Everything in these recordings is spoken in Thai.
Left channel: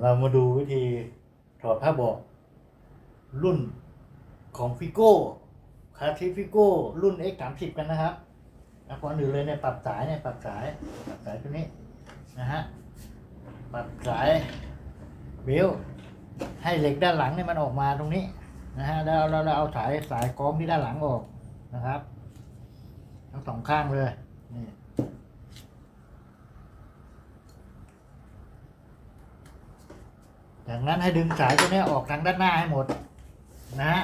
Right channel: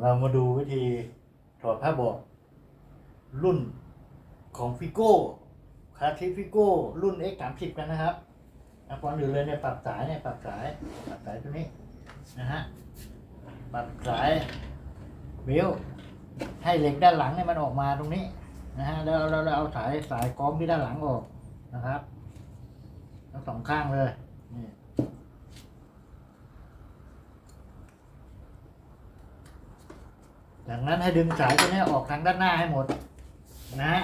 เรามาดูวิธีถอดผ้าบาะรุ่นของฟิโก้คาทิฟิโก้รุ่น X 3 0กันนะครับอะก่อนอื่นเลยเนี่ยปรับสายเนี่ยปรับสายปรับสายตัวนี้นะฮะปรับสายเบลให้เหล็กด้านหลังเนี่ยมันออกมาตรงนี้นะฮะแล้วเราเราเอาสายสายกล้องที่ด้านหลังออกนะครับ ทั้งสองข้างเลยนี่ จากนั้นให้ดึงสายตัวนี้ออกทางด้านหน้าให้หมดนะฮะ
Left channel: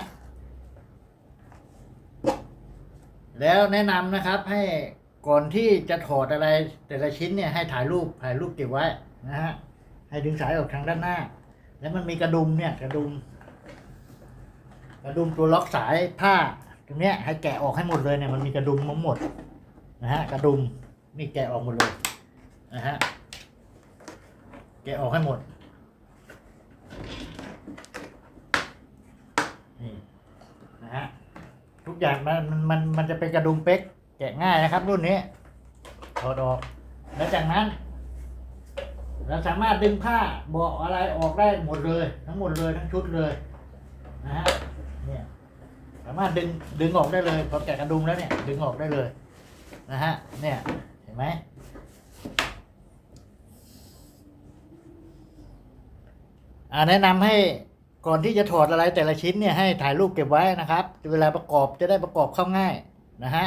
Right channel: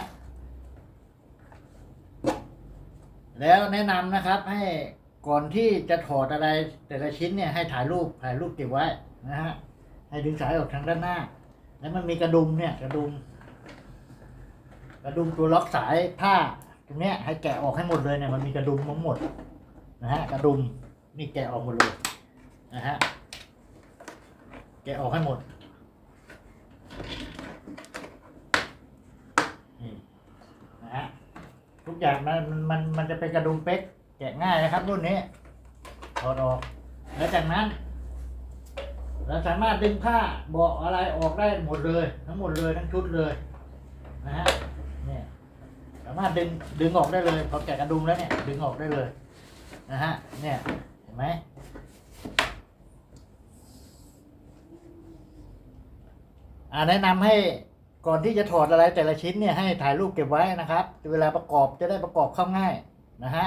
แล้วแนะนำนะครับให้ก่อนที่จะถอดอะไรแต่ละชิ้นเนี่ยให้ถ่ายรูปถ่ายรูปเก็บไว้นะฮะให้ดึงสายออกทางด้านหน้า แล้วมันมีกระดุมเนี่ยกระดุม กระดุมตัวล็อกสายผ้าตรงเนี้ยให้แกะออกให้หมดเลยเนี่ยมันมีกระดุมทั้งหมดนะฮะกระดุมนี่แกะออกหมดเลยนะฮะแกะออกให้หมด นี่นะฮะ ทุกอย่างมันมันมันจะเป็นกระดุมเป๊กแกะง่ายนะครับ รุ่นนี้ถอดออก แล้วจากนั้น เราสามารถดึงผ้าเบาะอะไรออกได้หมดเลย ทั้งหมดเลยทั้งชุดเลยนะฮะเนี่ยสามารถดึงดึงออกได้เลยพอแกะกระดุมแล้วเนี่ยดึงออกได้เลยนะฮะเนี่ยเห็นไหมอ่าแนะนำให้ ก่อนที่จะถอดอะไรแต่ละชิ้นเนี่ยให้ถ่ายรูปเก็บไว้นะครับ เวลาประกอบจะได้ประกอบเข้าง่ายนะฮะ